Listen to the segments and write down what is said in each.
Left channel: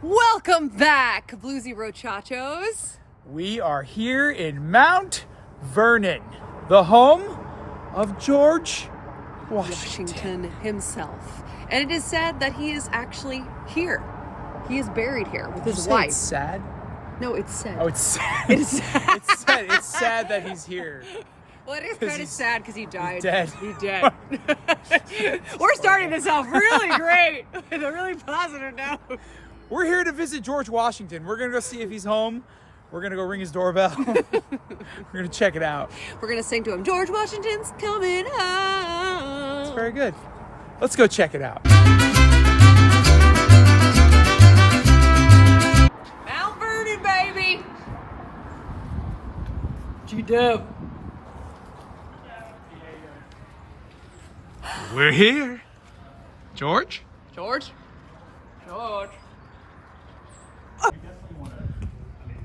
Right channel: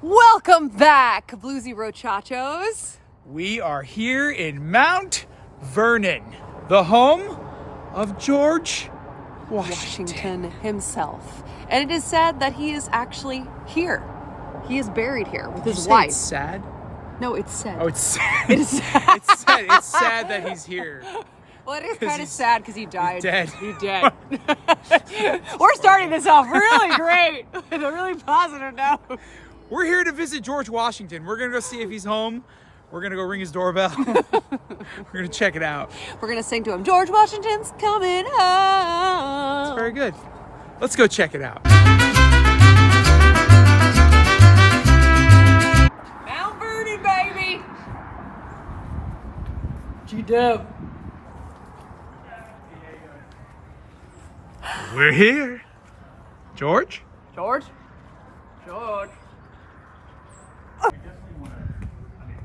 Welcome back, Bluesy Brochachos. We are here in Mount Vernon, the home of George Washington himself. And it is said that he is actually here. He is buried here with his Say wife. It's sad. No, it's sad. Oh, it's sad. It is sad. It's sad. It's sad that he's here. Well, it is kind of sad because he died. He's dead. He's dead. We're starting this off really great with a really positive note. We're here to visit George Washington. We're gonna go see if he's home. We're gonna go ring his doorbell. We're gonna check it out. We're gonna sing to him. George Washington's coming home. It's very good. Let's go check it out. Mount Vernon, baby. G-Dub. We're here. George? George?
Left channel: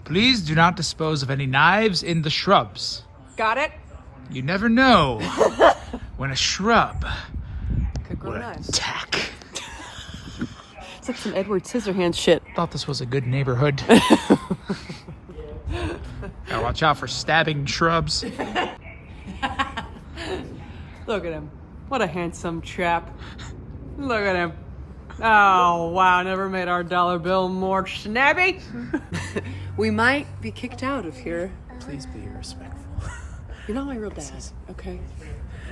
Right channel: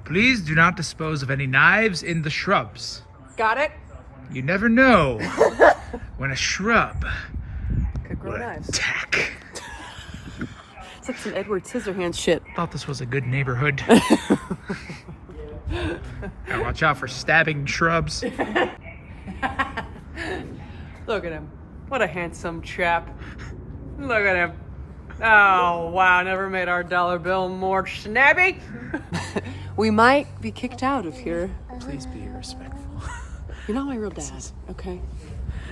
Please do not dispose of any knives in the shrubs. Got it? You never know when a shrub will Nice. attack. It's like some Edward Scissorhands shit. Thought this was a good neighborhood. Gotta watch out for stabbing shrubs. Look at him. What a handsome chap. Look at him. Oh, wow. Never made our dollar bill more snabby. We might be kicked out of here. Please be respectful. You're not my real dad, okay?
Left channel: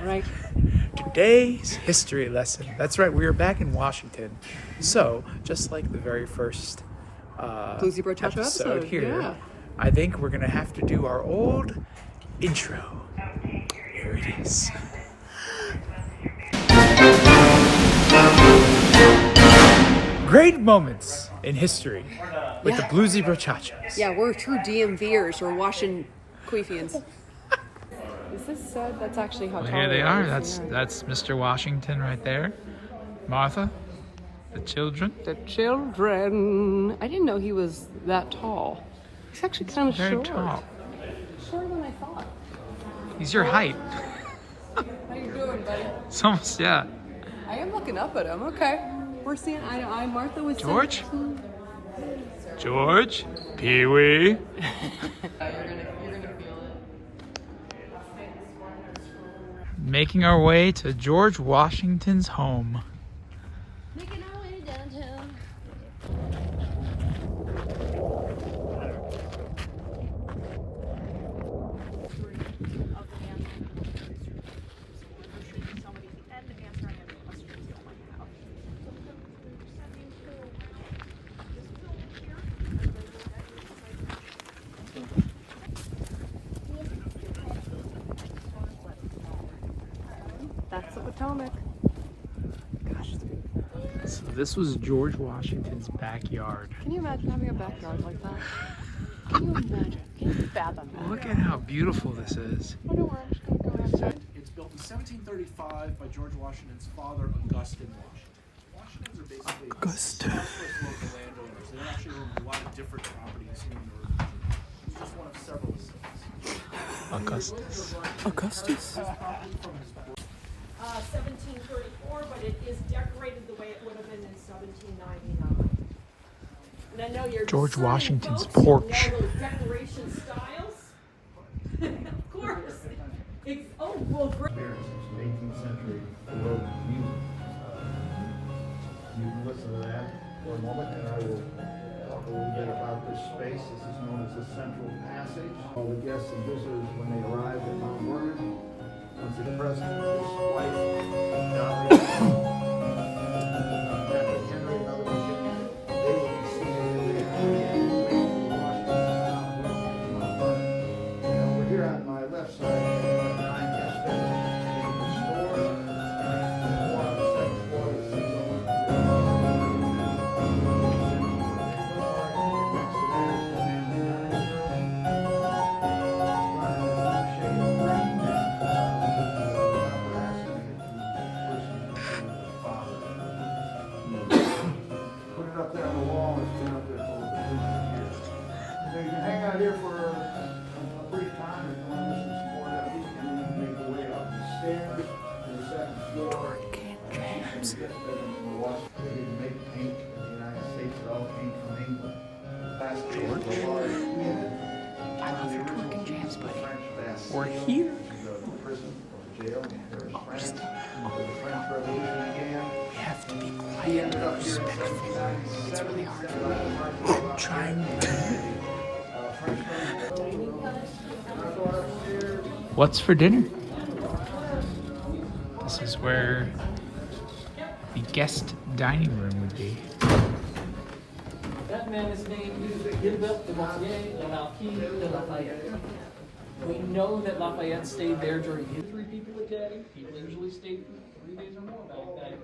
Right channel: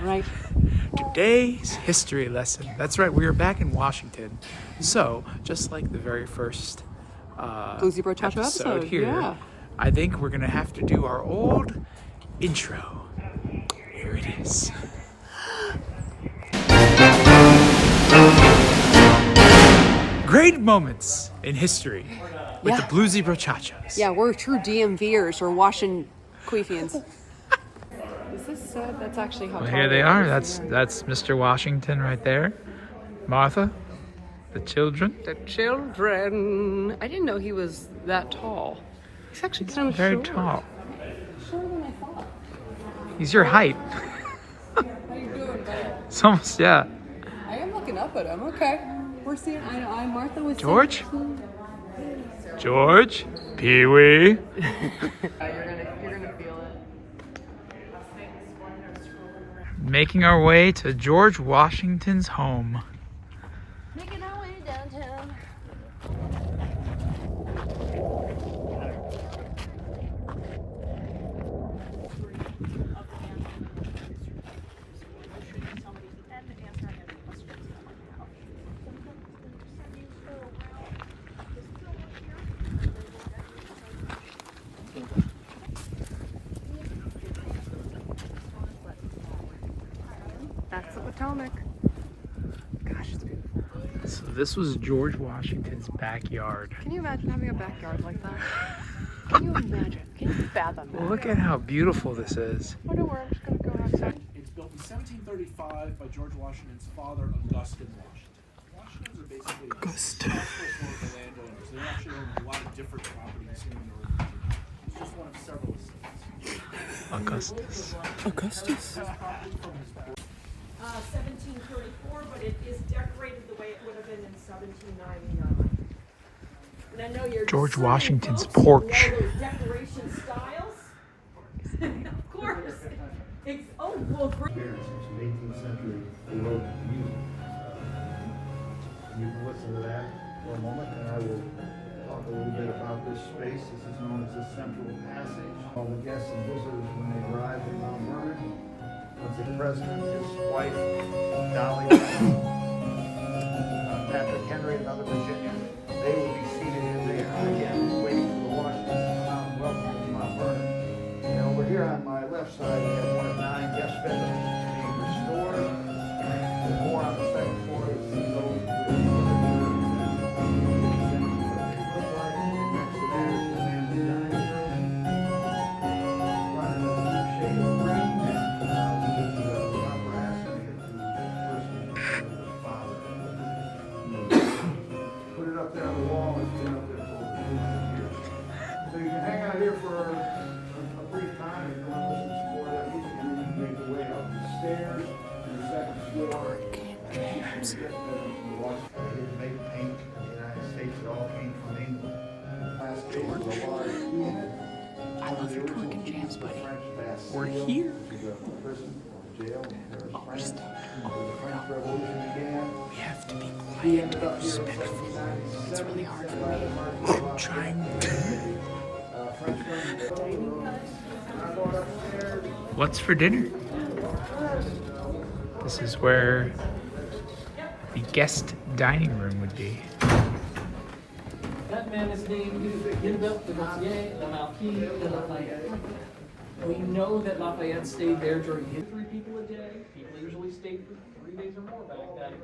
All right? Today's history lesson. That's right, we are back in Washington. So, just like the very first Bluesy Brochachos episode here, yeah. I think we're gonna have to do our old intro. Here it is. Great moments in history with the Bluesy Brochachos. Yeah, we're true DMVers. We're Washington Queefians. Is this sad? That's actually how Well, here they are. That's Mr. Washington right there. Martha, the children. The children. I didn't know he was that tall. He's actually kind of Very short. tall. Shorter than I thought. He's your height. How you doing, buddy? It's almost, yeah. I am looking up at him. Okay. We're seeing eye to eye. Martha was George? 17. George, Pee-wee. You're gonna feel it. Making our way to George Washington's home. Making our way downtown. That's the Potomac. Gosh, so this was George Washington's backyard. Can you imagine having a backyard like that? Can you imagine? Can you fathom that? Look at how beautiful this is. I wonder where I'm just gonna go outside. It's built in 1735 by George Washington's father, Augustine Washington. Washingtons are basically prosperous local landowners. They actually own a lot of different properties here in Northern Virginia. It's just one of several cities. Augustus. Augustus? 1734, but it is decorated the way it would have been in 1799. And I know you're George certain Washington's folks who porch. know those decoration styles. Of course. Oh, well, great. Since the 18th century, they wrote music. You can listen to that for a moment, and I will talk a little bit about this space. This is known as the Central Passage. All the guests and visitors, when they arrive at Mount Vernon, once the president, his wife, Dolly, Patrick Henry, and other Virginians, they will be seated in the area, waiting for the Washington to come. Welcome to Mount Vernon. And over here on my left side, we have one of 9 guest bedrooms being restored. The 4 on the second floor is It's really hard. I'm trying. What's for dinner? This is where the guest dining room would be. That man is named Hilda de Mortier, the Marquis de Lafayette. We know that Lafayette stayed there during his 3 people a day. People usually stayed for 3 days or more back then.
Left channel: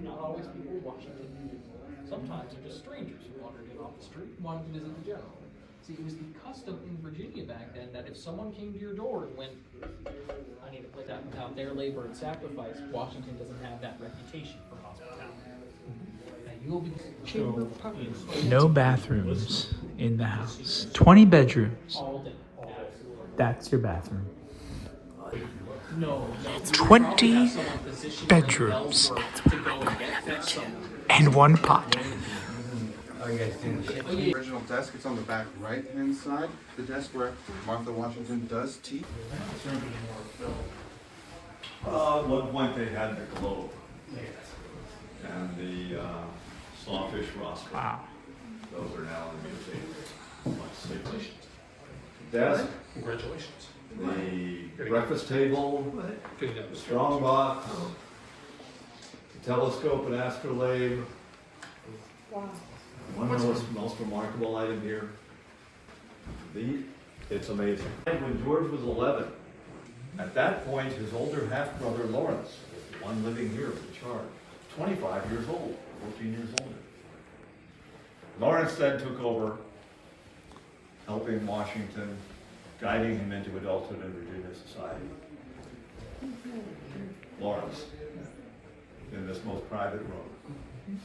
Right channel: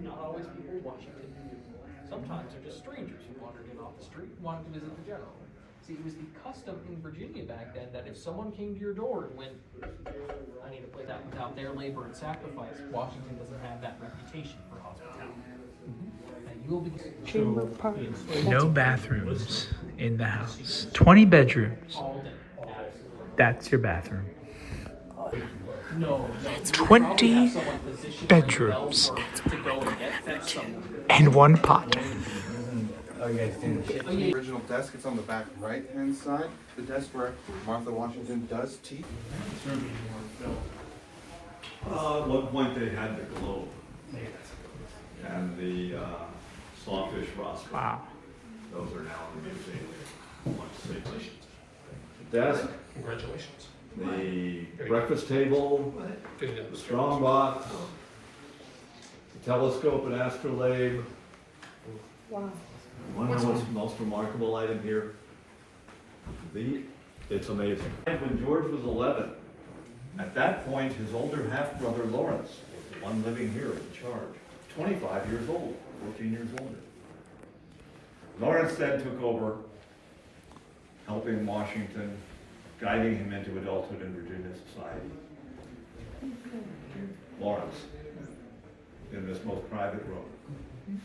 Not always people Washington knew. Sometimes they're just strangers who wandered in off the street and wanted to visit the general. See, it was the custom in Virginia back then that if someone came to your door and went, I need to play that without their labor and sacrifice, Washington doesn't have that reputation for hospitality. And you will be No bathrooms in the house. 20 bedrooms. all day. That's your bathroom. No. 20 bedrooms. And 1 pot. The original desk, it's on the back right-hand side. The desk where Martha Washington does teeth. At one point they had the globe and the sawfish roster. Wow. Those are now in the museum. Desk. Congratulations. The breakfast table, the strong box, the telescope and astrolabe. One of the most remarkable item here. It's amazing. When George was 11, at that point, his older half-brother Lawrence, the one living here in charge, 25 years old, 14 years older. Lawrence then took over, helping Washington, guiding him into adulthood in Virginia society. Lawrence, in this most private room.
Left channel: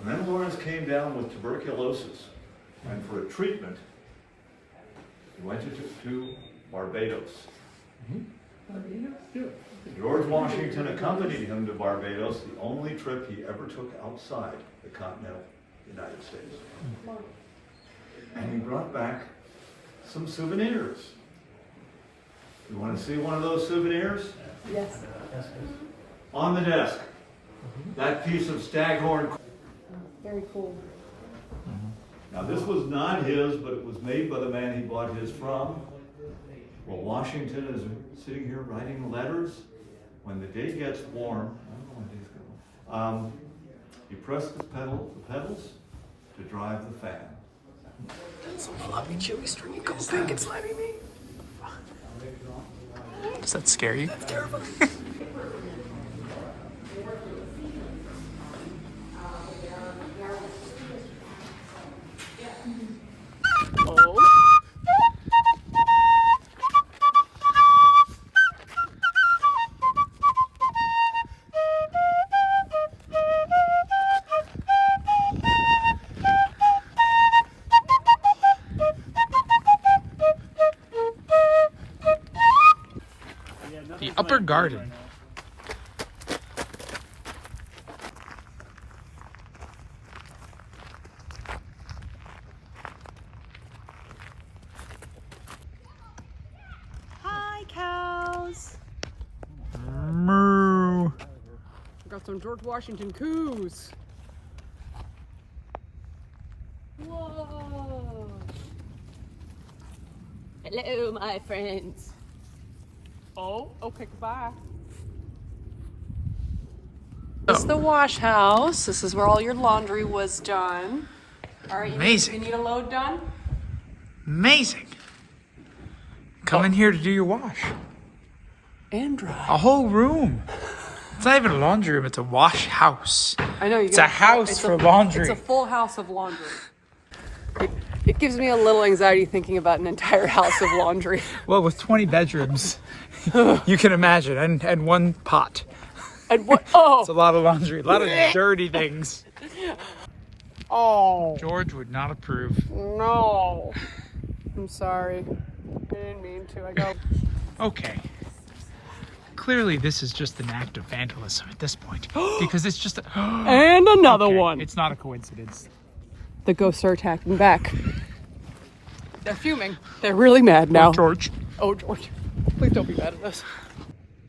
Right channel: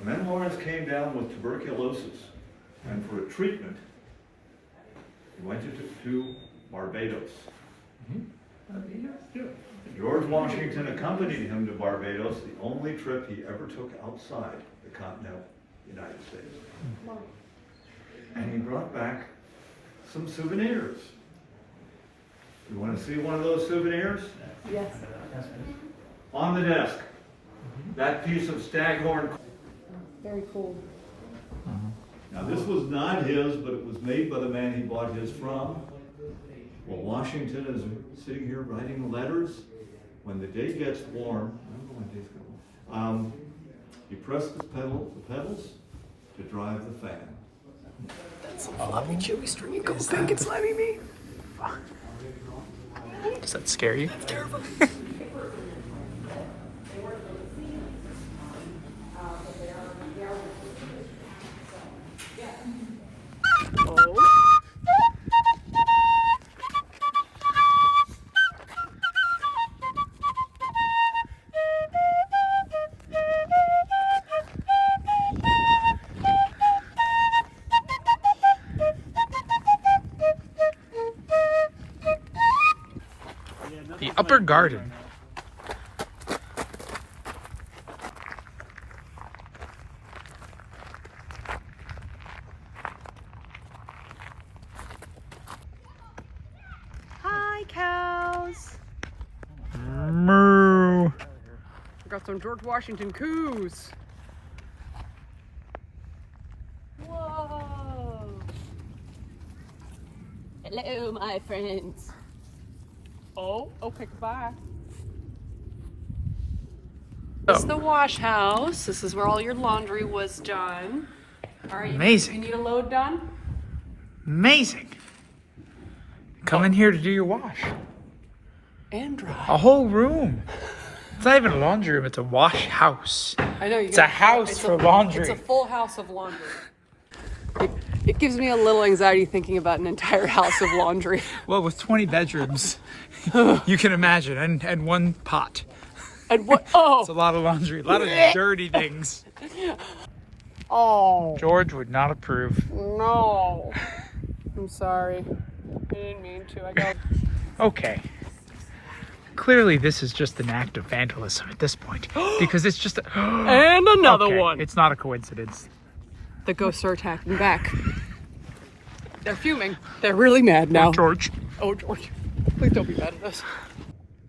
And then Lawrence came down with tuberculosis, and for a treatment, he went to Barbados. George Washington accompanied him to Barbados, the only trip he ever took outside the continental United States. And he brought back some souvenirs. You want to see one of those souvenirs? Yes. On the desk, that piece of staghorn. Very cool. Now this was not his, but it was made by the man he bought his from. Well, Washington is sitting here writing letters. When the day gets warm, I don't know when days get warm, you press the pedals to drive the fan. That's some floppy, chewy, stringy gold thing it's slamming me. Does that scare you? That's terrifying. The upper garden. Hi, cows. Moo. Got some George Washington coos. Whoa! Hello, my friends. Oh, okay, goodbye. This is the wash house. This is where all your laundry was done. All right, Amazing. You need a load done? Amazing. Come in here to do your wash. Andrew. A whole room. It's not even a laundry room, it's a wash house. I know. It's a house for laundry. It's a full house of laundry. It gives me a little anxiety thinking about an entire house of laundry. Well, with 20 bedrooms, you can imagine, and 1 pot. And what? Oh! It's a lot of laundry, a lot of dirty things. Oh, George would not approve. no. I'm sorry. I didn't mean to. I got. Okay. Clearly, this is just an act of vandalism at this point. Because it's just a... And another Okay, one. It's not a coincidence. The ghosts are attacking back. They're fuming. They're really mad now. George. Oh, George. Please don't be mad at us.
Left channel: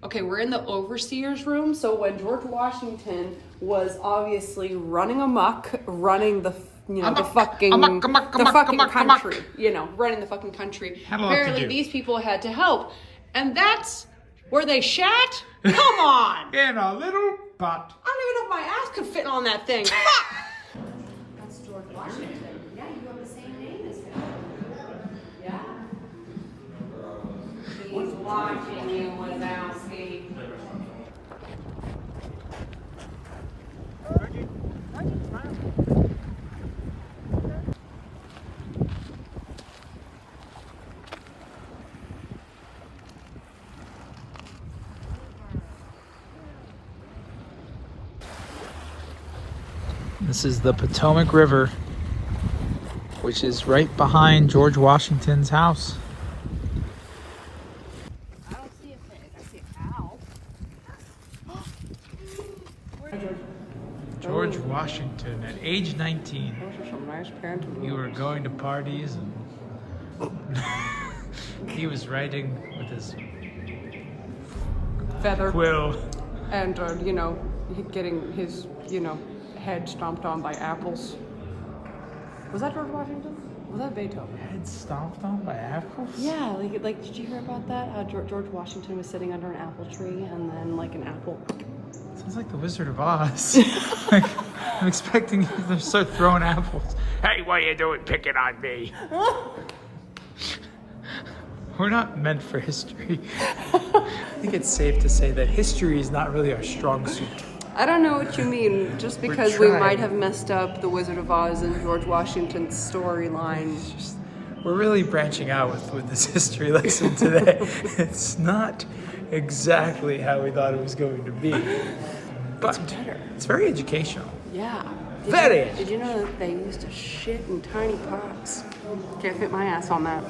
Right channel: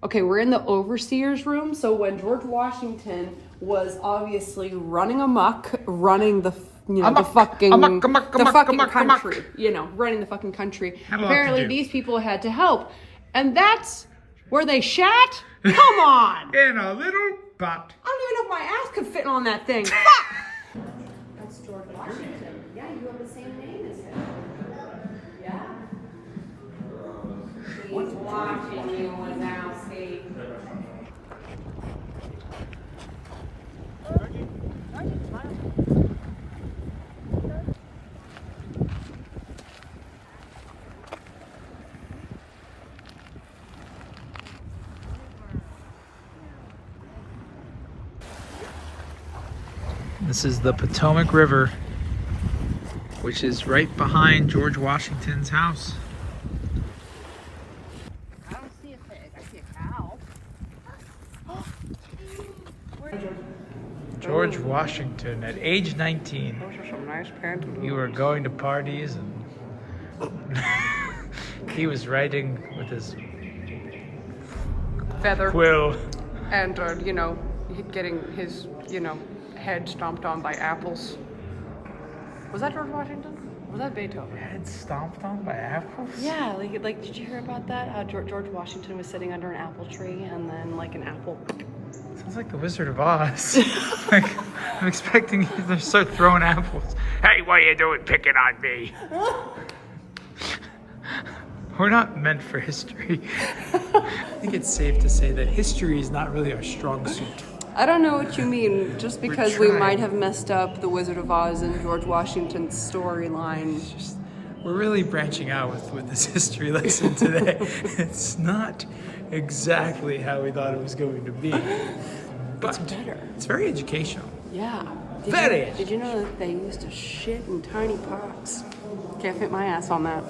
Okay, we're in the overseer's room. So when George Washington was obviously running amok, running the fucking country, running the fucking country. Apparently these people had to help, and that's where they shat. Come on, In a little butt. I don't even know if my ass could fit on that thing. That's George Washington. Yeah, you have the same name as him. Yeah. He's watching you, Wazowski. This is the Potomac River, which is right behind George Washington's house. I don't see a pig. I see a cow. George Washington, at age 19, Those are some nice pantaloons. you were going to parties and he was writing with his Feather. quill. And, getting his, head stomped on by apples. Was that George Washington? Was that Beethoven? Head stomped on by apples? Yeah, like did you hear about that? How George Washington was sitting under an apple tree and then like an apple. Sounds like the Wizard of Oz. Like, I'm expecting you to start throwing apples. Hey, what are you doing picking on me? We're not meant for history. I think it's safe to say that history is not really our strong suit. I don't know what you mean. Just because we might have messed up the Wizard of Oz and George Washington's storyline. We're really branching out with this history lesson today. It's not exactly how we thought it was going to be, but it's very educational. Yeah. Did you know that they used to shit in tiny pots? Can't fit my ass on that.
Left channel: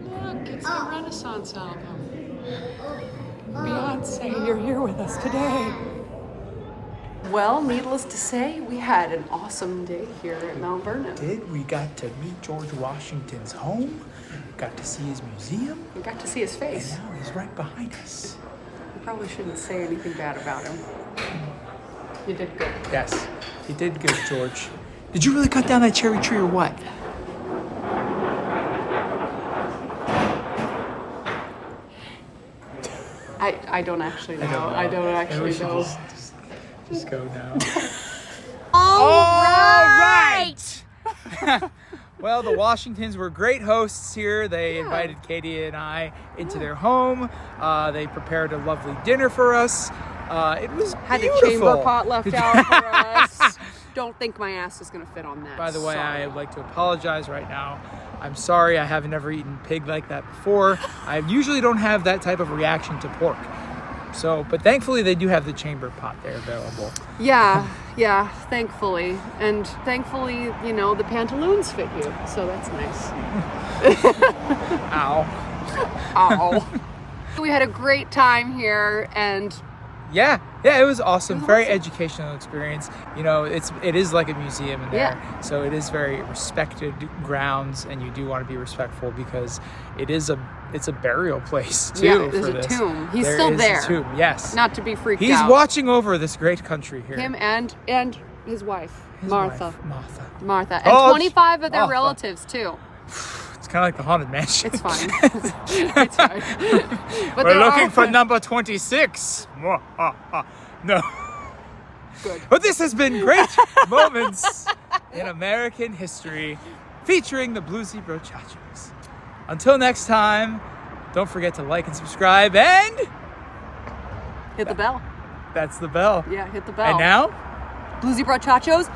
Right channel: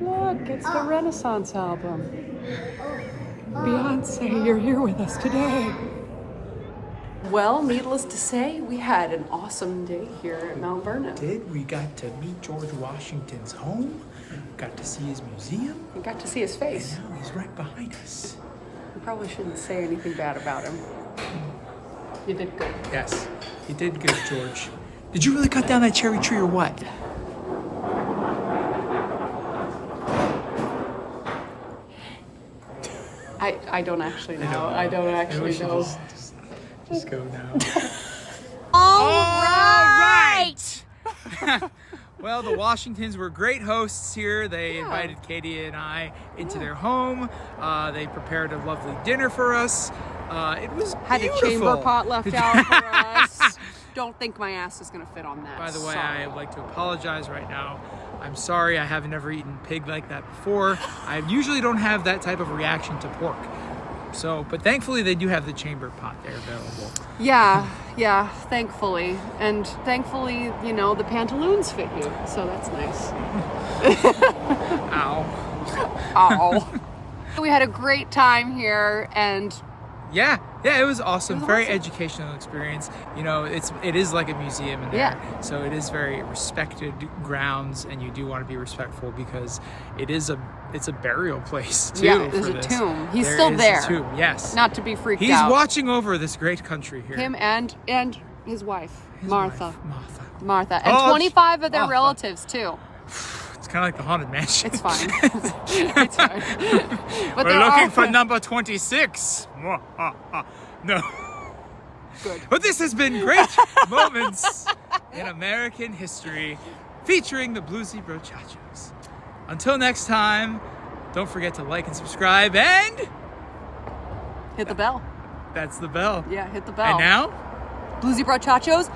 Look, it's the Renaissance album. Beyonce, you're here with us today. Well, needless to say, we had an awesome day here at Mount Vernon. We got to meet George Washington's home, got to see his museum, We got to see his face. and now he's right behind us. You probably shouldn't say anything bad about him. You did good. Yes, he did good, George. Did you really cut down that cherry tree or what? I don't actually know. I don't actually know. Just go now. All right. Well, the Washingtons were great hosts here. They invited Katie and I into their home. They prepared a lovely dinner for us. It was Had beautiful. a chamber pot left out for us. Don't think my ass is gonna fit on that. By the way, Sorry. I would like to apologize right now. I'm sorry, I haven't ever eaten pig like that before. I usually don't have that type of reaction to pork. So, but thankfully they do have the chamber pot there available. Yeah, thankfully. And thankfully, the pantaloons fit you. So that's nice. Ow. Ow. We had a great time here and Yeah, it was awesome. Very educational experience. It is like a museum in there. Yeah. So it is very respected grounds, and you do want to be respectful because it's a burial place too. Yeah, there's for a this. tomb. He's There still is there. a tomb, yes. not to be freaked He's out. watching over this great country here. Him and his wife, His Martha. wife, Martha. Martha. And Oh, 25 of their Martha. relatives too. It's kind of like the Haunted Mansion. It's fine. It's fine. But We're they're looking all- for number 26. No. Good. But this has been great moments in American history featuring the Bluesy Brochachos. Until next time, don't forget to like and subscribe, and Hit the bell. that's the bell. Yeah, hit the bell. And now, Bluesy Brochachos